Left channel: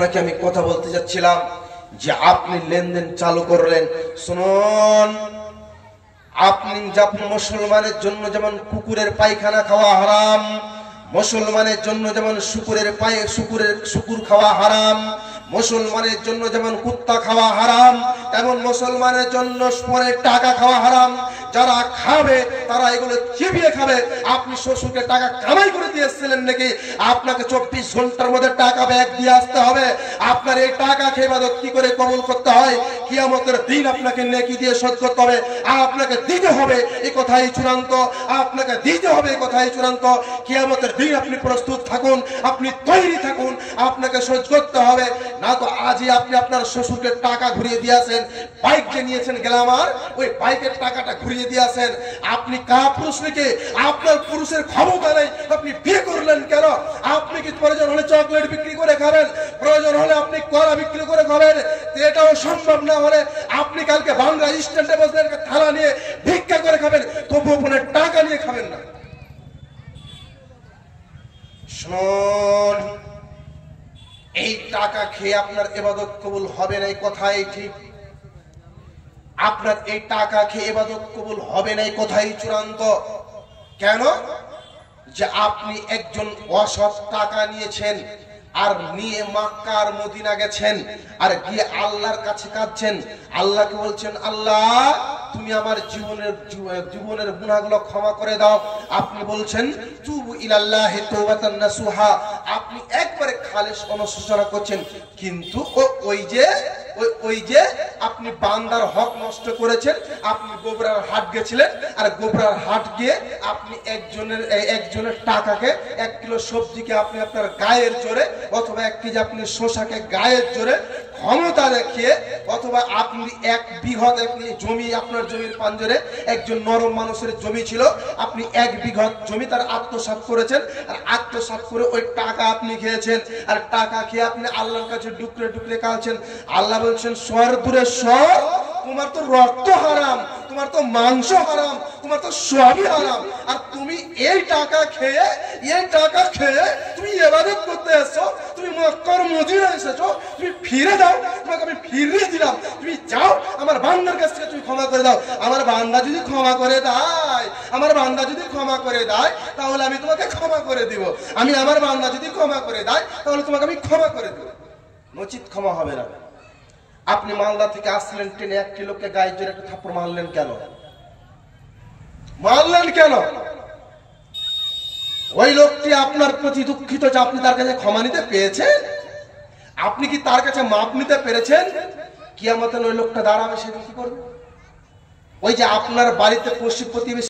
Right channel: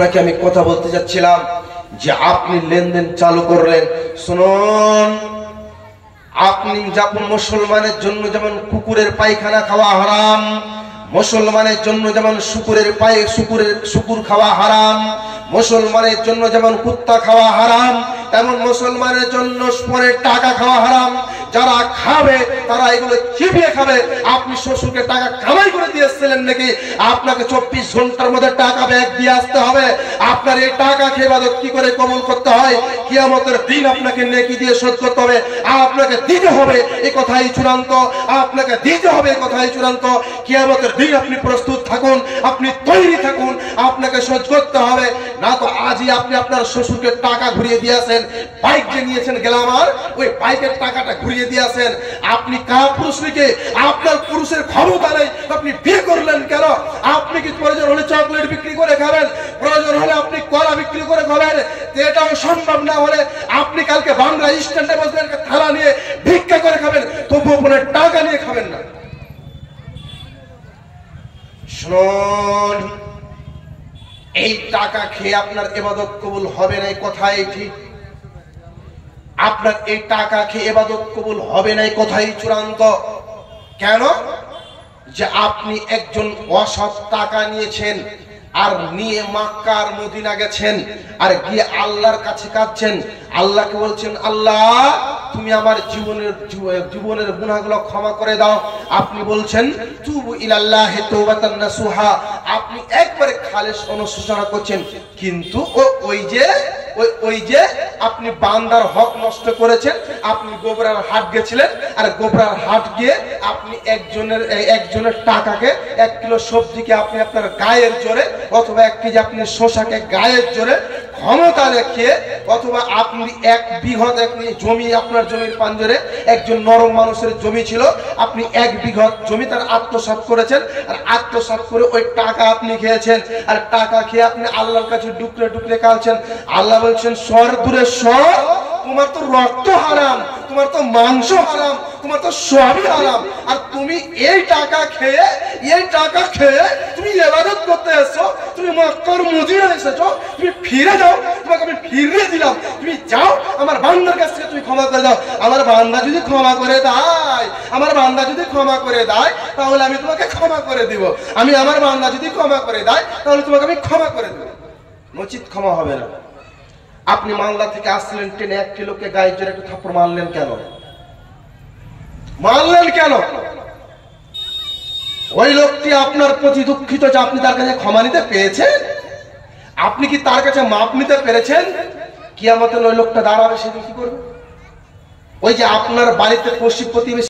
আপনাকে আমি কথা বলতে যাচ্ছিলাম যে আপনি লেনদেন চালু করলেন। শুনুন, আপনি যেমন মুসলমানের জন্য যেমন কুকুরের পায়খানা খাওয়া হারাম, মুসলমানের জন্য যেমন শুকুর খাওয়া হারাম, মুসলমানের জন্য যেমন কুত্তা খাওয়া হারাম, তেমন মুসলমানের জন্য পরের টাকা খাওয়া হারাম। যারা খাবে তারা এগুলো চিবিয়ে খাবে। আপনি শ্বশুরকে টাকা কামাই করে দিয়েছিলেন নাকি? আপনাকে 24 ঘন্টার মধ্যে টাকা ব্যাগ দিয়ে আসতে হবে। আপনার এই টাকা খেয়ে ইবাদত কি করে কবুল করতে হয়, কিয়ামতের দিন আপনাকে নেকি দিয়ে শোধ করতে হবে। আপনাকে দিতে হবে, এই কথাই চূড়ান্ত। আপনাকে দিতে হবে, এই কথাই চূড়ান্ত। কিয়ামতের দিন আপনি প্রস্তুত থাকুন, আপনি তৈরি থাকুন, আপনাকে শোধ করতে হবে। না তো আজই আপনি আপনার শ্বশুরকে টাকা ঘুরিয়ে দিয়েছেন, বাইক যে নিয়েছেন গ্ল্যামার, ওই বাইকের টাকাটা ঘুরিয়ে দিয়েছেন। আপনি কা পুরুষকে, আপনার পুরুষের ক্ষমতা নেই, আপনি বিয়ে করলেন কেন? আপনি কি প্রয়োজন হলে চকলেট বিক্রি করে খাবেন, প্রয়োজন হলে আপনি কলা বিক্রি করে খাবেন, এটাও সম্ভব না হলে আপনি কালকে বাংলা স্ট্যান্ডে বসবেন, থালা নিয়ে ভিক্ষা করে খাবেন, তবুও কোনো টাকা নিয়ে খাবেন না। শুনুন, এই টাকা খেয়ে আপনার ইবাদত কবুল হবে না, এই কথাই ঠিক। আপনার এই টাকা খেয়ে ইবাদত কবুল হবে না, এই কথাই চূড়ান্ত। কেন? যে আপনি একজন অসৎ টাকা নিয়েছেন, আর নিয়ে মক্কা আর মদিনা গেছেন, আর গিয়ে আল্লাহর কাছে কাঁদছেন, আল্লাহকে বলছেন, আল্লাহ তুমি আমার জীবনের গুনাহগুলো ক্ষমা করে দাও। আপনি বলছেন তুবু ইলাল্লাহি তাওবাতান নাসুহা, আপনি একবারে খালেস অনুশোচনা করছেন। কিন্তু ওই যে আপনি বান্দার হক নষ্ট করেছেন। আপনি গোবরার হাট গেছিলেন, আর গোবরার হাট গিয়ে আপনি একজনের টাকাকে, 1 কিলো সবজিকে আপনি আপনার গায়ের জোরে, অথবা 1 কেজি আপনি শসাকে গায়ের জোরে ক্ষমতা দেখিয়ে, অথবা আপনি 1 বিঘত জমি, আপনার জমির পাঞ্জরে একজন নরম মানুষের জমি ছিল, আপনি 1 বিঘত জমি তার আত্মসাৎ করেছেন, আর আত্মসাৎ করে ওই টাকা আপনি খেয়েছেন। আর টাকা খেয়ে আপনি আল্লাহর কাছে ডুকরে ডুকরে কাঁদছেন। আল্লাহ বলছেন, সর দূরে সর, তোমার তো রক্ত হারাম, তোমার তো মাংস হারাম, তোমার তো সবই হারাম। আর তুমি এই টাকা খেয়ে তুমি ইবাদত করতে এসেছো, তুমি মক্কার মদিনা এসেছো, তুমি ফিরে যাও, তোমাকে আমি ফিরিয়ে দিলাম, তুমি যাও, আমার বান্দার কাছ থেকে তুমি ক্ষমা করে দাও। আমার বান্দা যদি ক্ষমা করে দেয়, তাহলে আমি তোমাকে ক্ষমা করে দিব। আমার বান্দা যদি ক্ষমা করে দেয়, তাহলে তোমাকে আমি ক্ষমা করে দেব, নচিত ক্ষমা হবে না। আপনি বাংলা থেকে আসলেন, ট্রেনে 1 কিলোকে গায়ে জোরে একটু থাপ্পড় মারলেন কেন? ওই লোকটি আপনার প্রতি দুঃখিত যে আপনি তার কাছে ক্ষমা নিতে পেরেছেন। আপনি কি তার কাছে মাপ নিতে পেরেছেন? কিয়ামতের ওই লোকটা দাঁড়াবে, সেদিন কি করবে? ওই যে আপনার বাড়িতে পশ্চিম প্রতিবেশী